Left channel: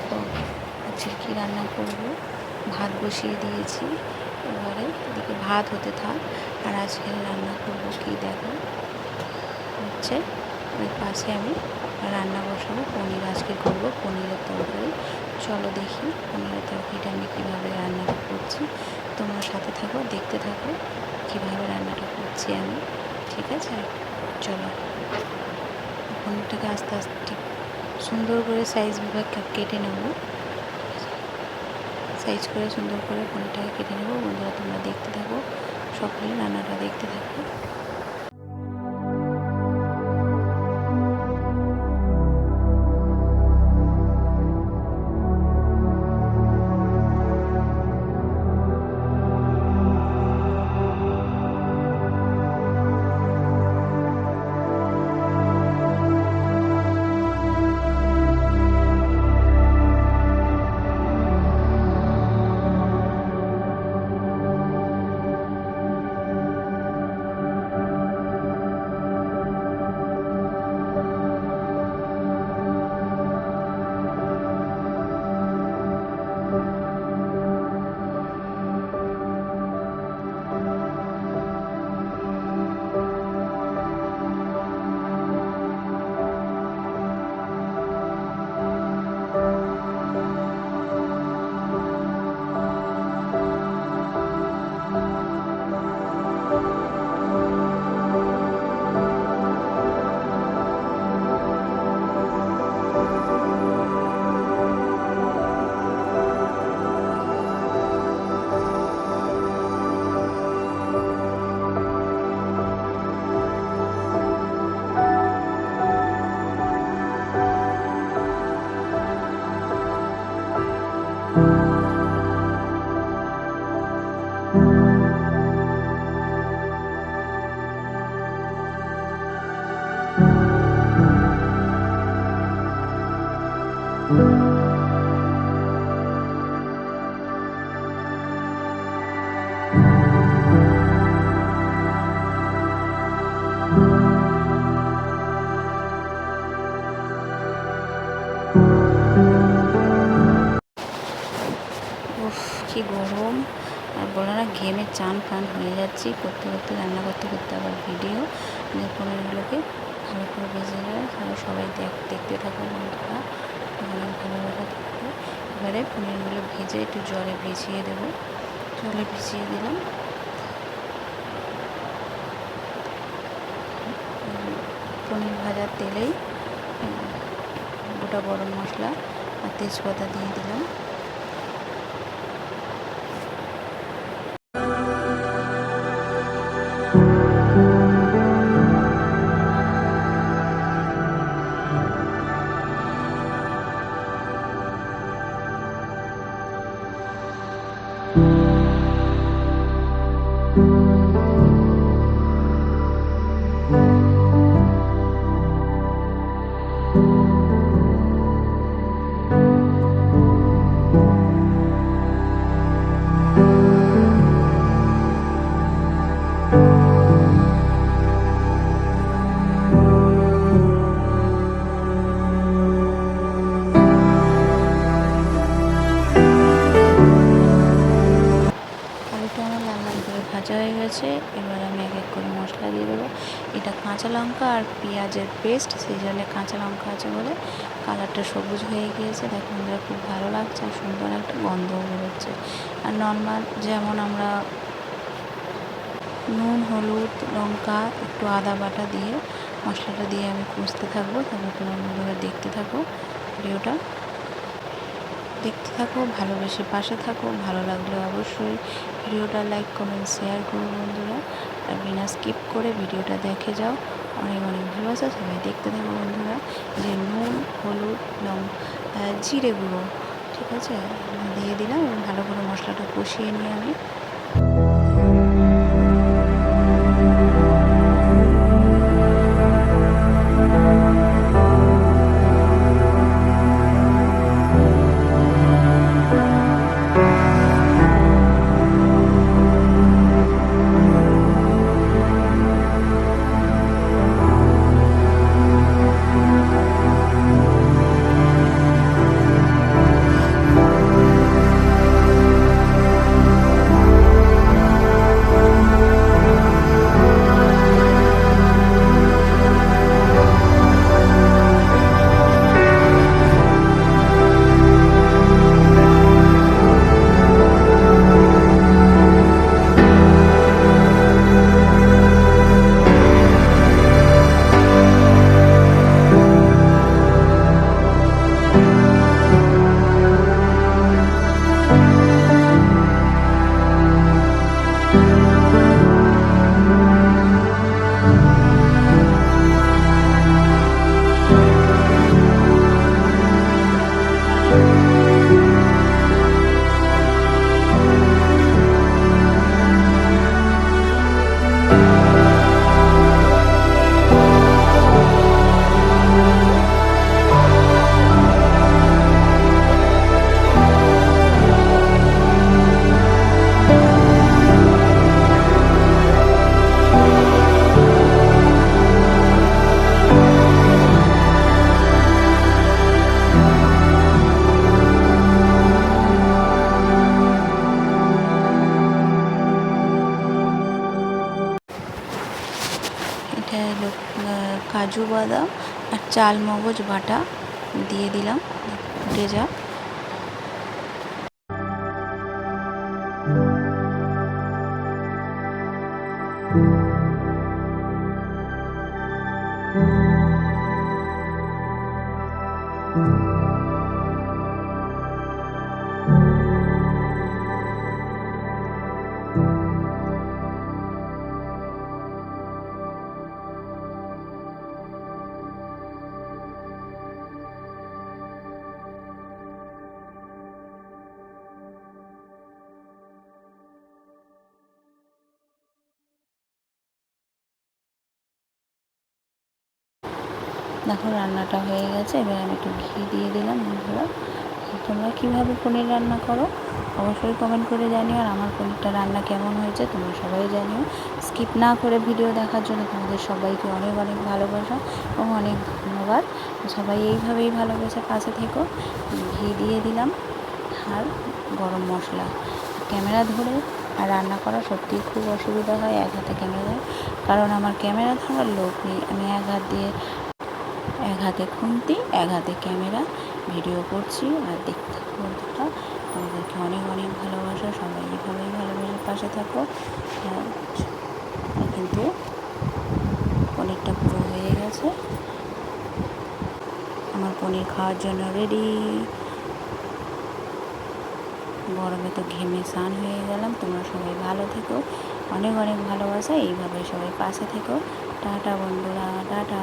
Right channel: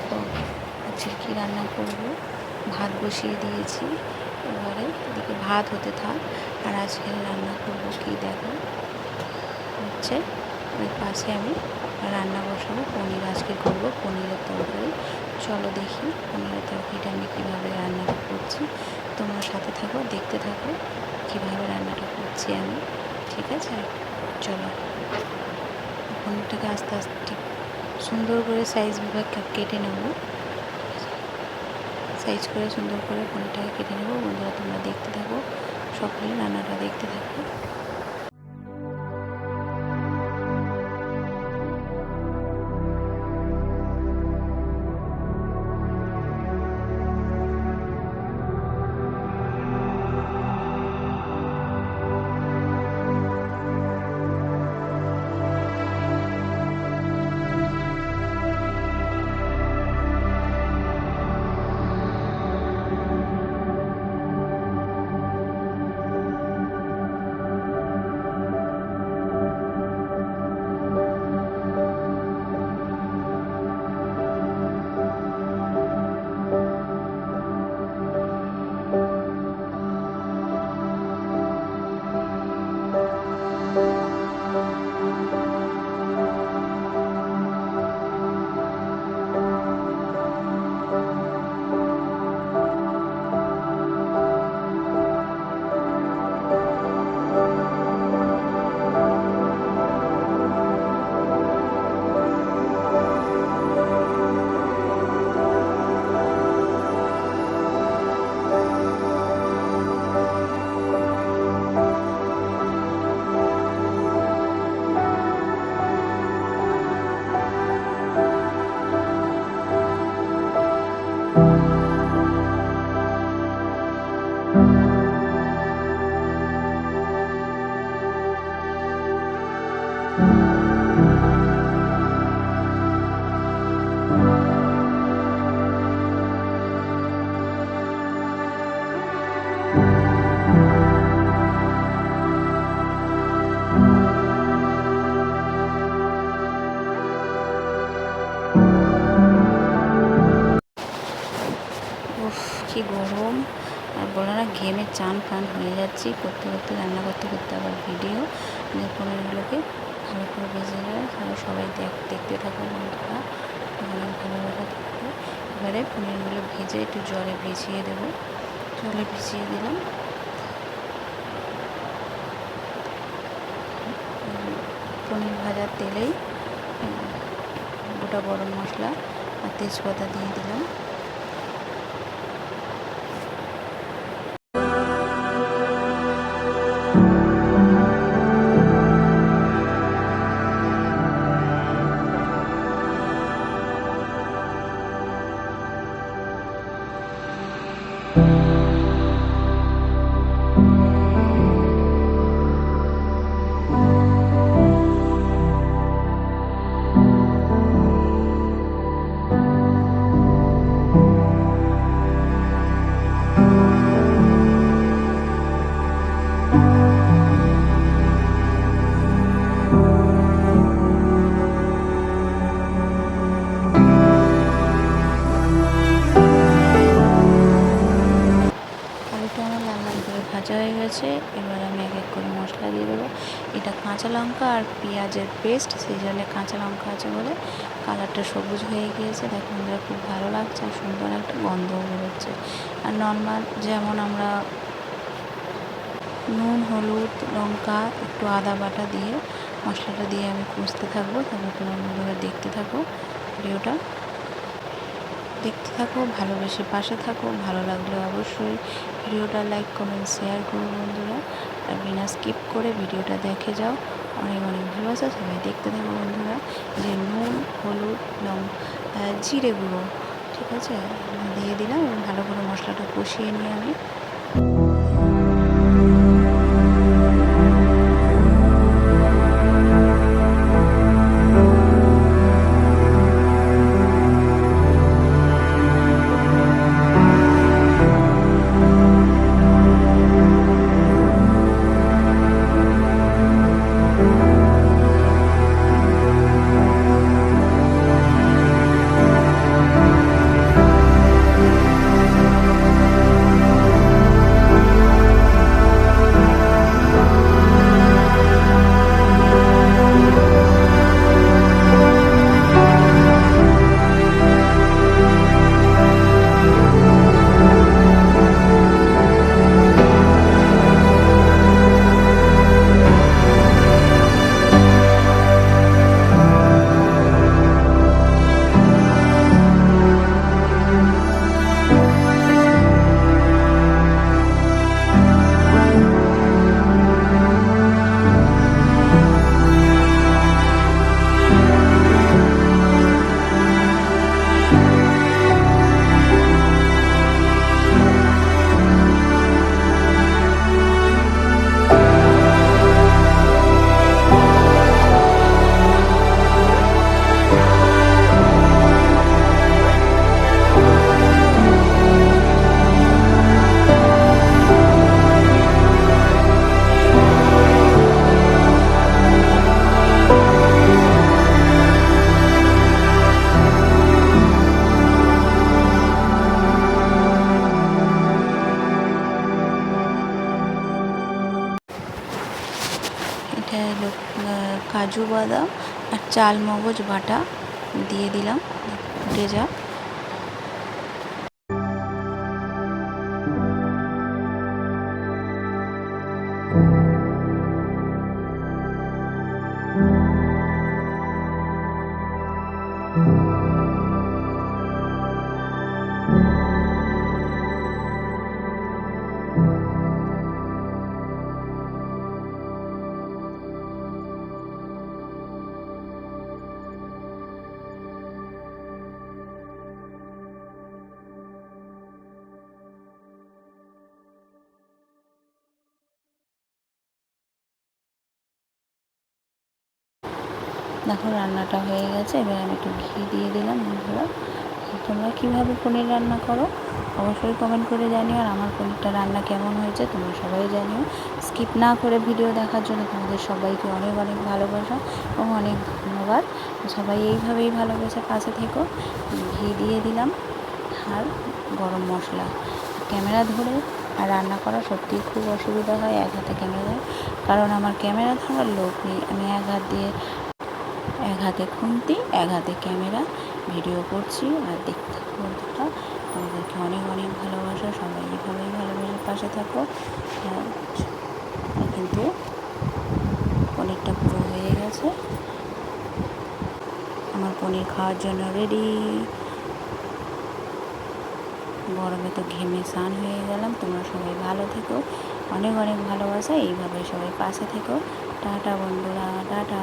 দেখো আজকে কী রান্না করব। ভাত বসিয়ে দিয়েছি, এবারে এদিকে ভাত হতে থাক। আর আজকে রান্না করব কি দেখো হচ্ছে, ওই পাশে আমি রান্না বসাবো। পনির আজকে করব, পনিরের তরকারি। চলো দেখি পনিরের তরকারিটা আমি কীভাবে রান্নাটা করছি। তোমরা সাথে থাকো, দেখতে থাকো কীভাবে রান্নাটা করছি আমি। ঠিক আছে, চলো। পনিরটাকে আস্তে আস্তে ঠিক সুন্দর করে সাইজ বিভাগ কেটে নেব। সাইজ করে সুন্দর করে পনিরটাকে কেটে নেব। বন্ধুরা তোমরা দেখতে থাকো, সকলে রান্নাটা দেখতে থাকো। কি গরম, আর বলো না, ঘেমে চান ফান হয়ে যাচ্ছি করতে করতে, রান্না করতে করতে। আবার ভিডিও পনিরগুলোকে ভালো করে ভেজে যায়। সবাই দেখতে থাকো বন্ধুরা, অনেক ভালোভাবে থাকবে। এবারে পনিরগুলো ভেজে একটু জলে ভিজিয়ে দেবো। জলে ভিজিয়ে দিলাম। পনির ভাজার তেলেই গোটা গরম মশলা আর তেজপাতা দিয়ে দিলাম। ভাজা হয়ে গেছে। এবার আমি এক এক করে মশলা দিয়ে দেবো। এটা কাঁচা লঙ্কা আর পেঁয়াজের পেস্ট, সেই জন্য কাঁচা লঙ্কা আছে বলে কালারটা সবুজ হয়ে গিয়েছে। দেখুন বন্ধুরা, খুব ভালো লাগছে আর সুন্দর একটা গন্ধও বেরোচ্ছে। আর নর্মাল যেমন আমরা নুন, হলুদ, লঙ্কা, একটু আদা বাটা দিয়ে মশলাটা দিয়ে আমি কষতে থাকবো। তারপর তোমরা বন্ধুরা দেখতে থাকো, ভিডিওটা দেখতে থাকো, ভালোবেসে পাশে থাকো। ভালো লাগলে অবশ্যই ভিডিওটা লাইক, কমেন্ট, শেয়ার করো বন্ধুরা। আর বিনা স্কিপ করে ভিডিওটা দেখে যাও। অনেক অনেক ভালোবাসা, সবাই দেখতে থাকো বন্ধুরা। যে নুন, হলুদ, জিরে গুঁড়ো, ঠিক আছে, দিয়ে দিলাম এবং ভালো করে মশলাটা কষিয়ে নিয়ে আমি কাজু বাদাম আর চাল মগজ বাটা দিয়ে দিলাম, ফুটে যাক। দেখো রান্নাটা হয়ে গেছে। এবার আমি একটু ঘি দিয়ে দিলাম। বন্ধুরা, তোমরা কীভাবে পনির রান্না করো অবশ্যই কমেন্ট করে জানিও, আর আমার পনিরটা রান্না কেমন হয়েছে তোমরা সবাই জানিও। স্কিপ না করে ভিডিও দেখার জন্য তোমাদের সবাইকে অনেক অনেক ভালোবাসা এবং অনেক ধন্যবাদ। সবাই এইভাবেই ভালোবেসে পাশে থেকো। ঘি দিয়ে দিলাম আর গরম মশলা। ক্যামেরা ধরে আর রান্না করা সত্যিই খুব অসুবিধা হয় এক হাতে ক্যামেরা, কারণ আমার ক্যামেরা ধরার লোক নেই। আমি এক হাতে খুন্তি, এক হাতে ক্যামেরা, ভিডিও করছি আর দেখতে থাকো। বন্ধুরা, আমাদেরকে অনেক অনেক ভালোবাসা, সবাই এইভাবেই ভালোবাসে পাশে থাকো। কিন্তু পনিরটা পুরো হয়ে গেছে, আমার পনির খাওয়ার জন্য রেডি। গরমে তো ঘেমে স্নান হয়ে গেলাম। তোমরা সবাই ভালো থেকো, অনেক অনেক ভালোবাসা, এইভাবে সবাই পাশে থেকো। টাটা বন্ধুরা, টাটা।